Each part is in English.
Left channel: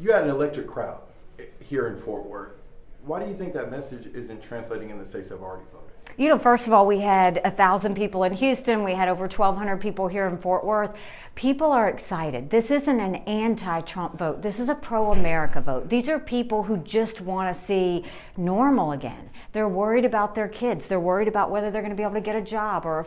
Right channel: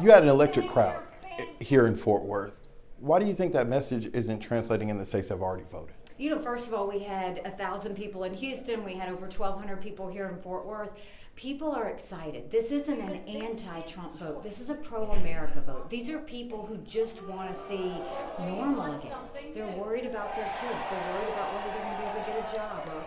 You had an electric crowd here in Fort Worth. Why do you think that message isn't translating in the states that have already voted? You know, first of all, we had 1,000 people in Houston. We had over 1,200 people here in Fort Worth. People are excited. This isn't an anti-Trump vote. This is a pro-America vote. These are people who just want to see normal again. They're worried about their kids. They're worried about whether they're going to be able to get a job or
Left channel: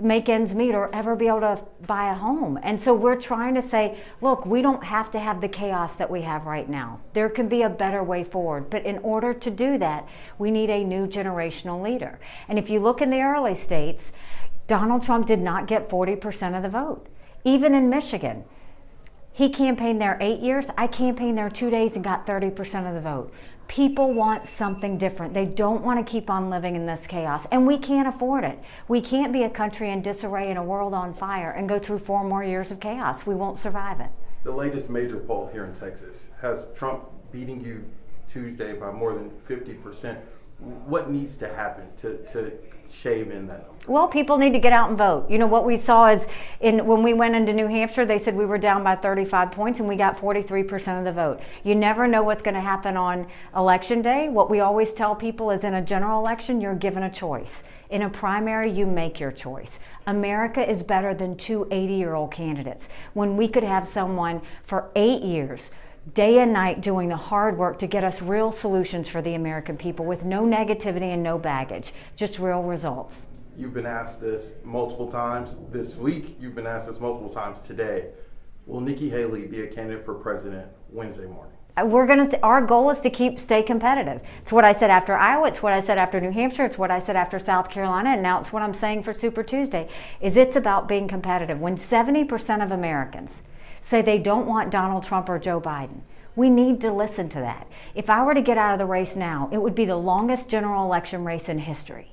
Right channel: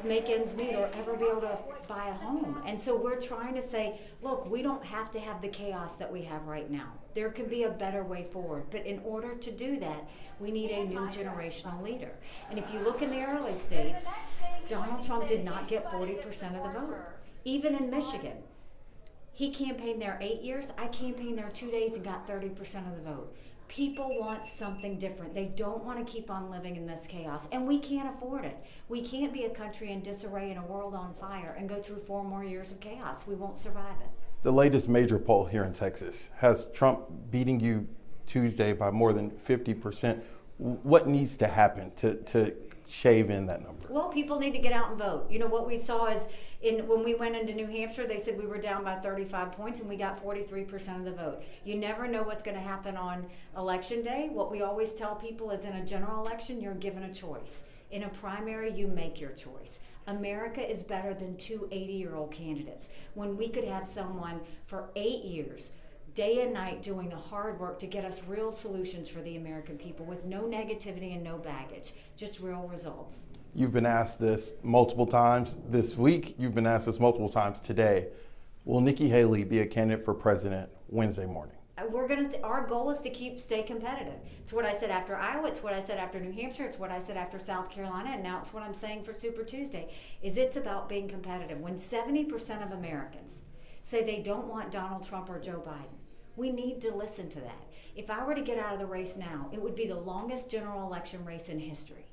make ends meet or ever be able to buy a home. And so we're trying to say, look, we don't have to have the chaos that we have right now. There can be a better way forward. But in order to do that, we need a new generational leader. And if you look in the early states, Donald Trump did not get 40% of the vote. Even in Michigan, he campaigned there 8 years. I campaigned there 2 days and got 30% of the vote. People want something different. They don't want to keep on living in this chaos, and we can't afford it. We can't be a country in disarray and a world on fire and go through 4 more years of chaos. We won't survive it. The latest major poll here in Texas has Trump beating you Tuesday by more than 50%. What needs to happen to shave in that number? Well, people need to get out and vote. You know, what we saw is when we went into New Hampshire, they said we were down by 35 points and we got 43% of the vote. You never know what's going to happen on election day. What we always tell people is in a general election, you're given a choice. In a primary, you make your choice. America is better than 2 80-year-old candidates. When we could have someone for 8 years, day and night, doing the hard work to get us real solutions for the American people with no negativity and no baggage, just real results. You've been asked this multiple times this week. You've been asked this multiple times today. Will Nikki Haley be a candidate for president Wednesday morning? Our goal is to stay competitive. It's what I said after Iowa. It's what I said after New Hampshire. It's what I said after South Carolina. And now it's what I'm saying for Super Tuesday. It's about being competitive. When 70% of Americans say they don't want Donald Trump or Joe Biden, we need to listen to that. If I were to get out of the race now, it would be the longest general election race in history.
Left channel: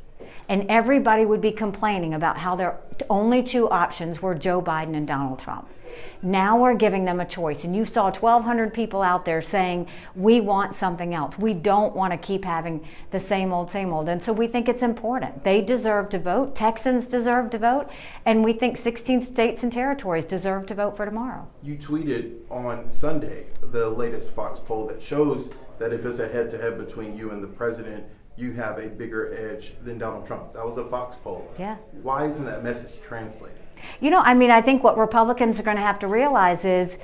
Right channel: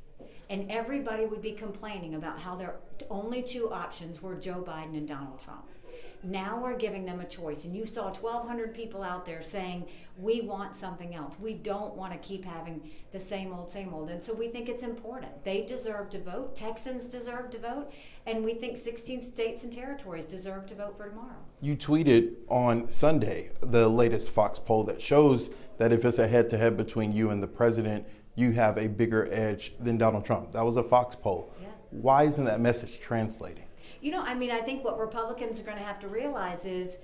And everybody would be complaining about how their only 2 options were Joe Biden and Donald Trump. Now we're giving them a choice. And you saw 1,200 people out there saying, we want something else. We don't want to keep having the same old, same old. And so we think it's important. They deserve to vote. Texans deserve to vote. And we think 16 states and territories deserve to vote for tomorrow. You tweeted on Sunday the latest Fox poll that shows that if it's a head-to-head between you and the president, you have a bigger edge than Donald Trump. That was a Fox poll. Yeah. Why isn't that message translating? You know, I think what Republicans are going to have to realize is,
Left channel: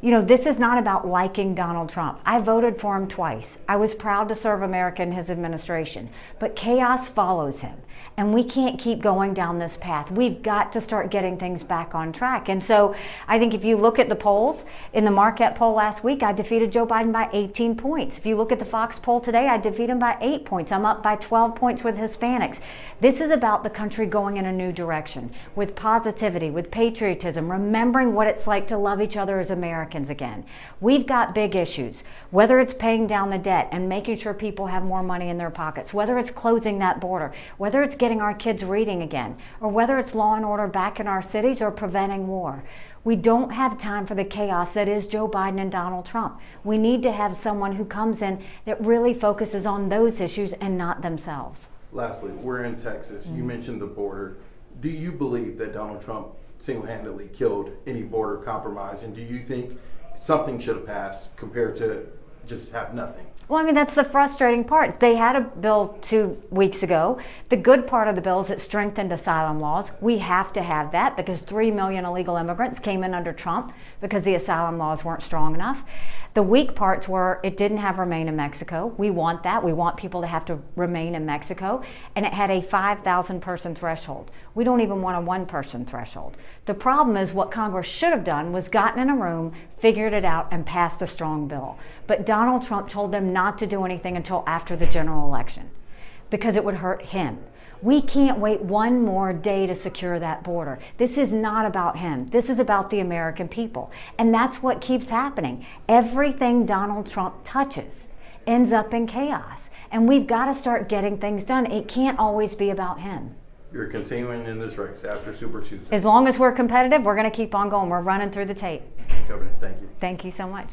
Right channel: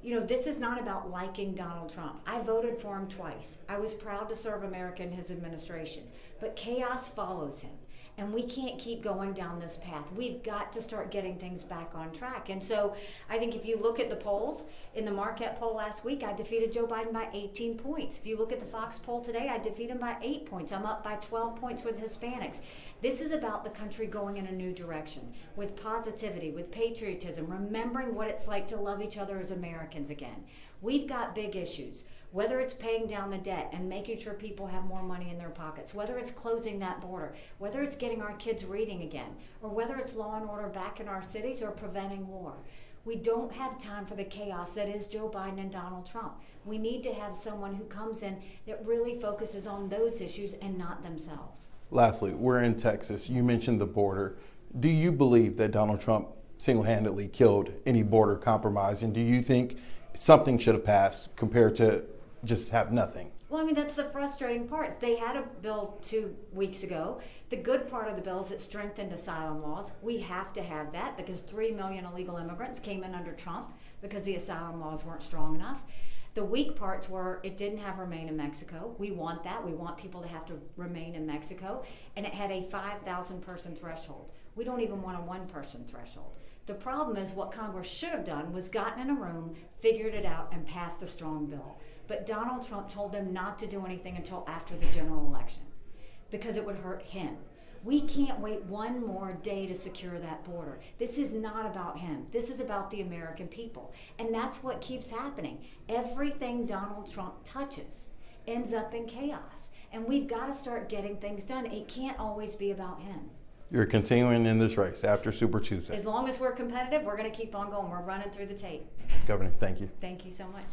this is not about liking Donald Trump. I voted for him twice. I was proud to serve America in his administration. But chaos follows him. And we can't keep going down this path. We've got to start getting things back on track. And so I think if you look at the polls, in the Marquette poll last week, I defeated Joe Biden by 18 points. If you look at the Fox poll today, I defeat him by 8 points. I'm up by 12 points with Hispanics. This is about the country going in a new direction with positivity, with patriotism, remembering what it's like to love each other as Americans again. We've got big issues, whether it's paying down the debt and making sure people have more money in their pockets, whether it's closing that border, whether it's getting our kids reading again, or whether it's law and order back in our cities or preventing war. We don't have time for the chaos that is Joe Biden and Donald Trump. We need to have someone who comes in that really focuses on those issues and not themselves. Lastly, we're in Texas. You mentioned the border. Do you believe that Donald Trump single-handedly killed any border compromise? And do you think something should have passed compared to just have nothing? Well, that's the frustrating part. They had a bill 2 weeks ago. The good part of the bill is it strengthened asylum laws. We have to have that because 3 million illegal immigrants came in under Trump because the asylum laws weren't strong enough. The weak parts were it didn't have remain in Mexico. We want that. We want people to have to remain in Mexico. And it had a 5,000 person threshold. We don't even want a 1 person threshold. The problem is what Congress should have done was gotten in a room, figured it out, and passed a strong bill. But Donald Trump told them not to do anything until after the general election because it would hurt him. We can't wait 1 more day to secure that border. This is not about him. This is about the American people. And that's what keeps happening. Everything Donald Trump touches ends up in chaos. And we've got to start getting things done. It can't always be about him. You're continuing in this race after Super Tuesday. As long as we're competitive, we're going to keep on going. We're running through the tape. Governor, thank you. Thank you so much.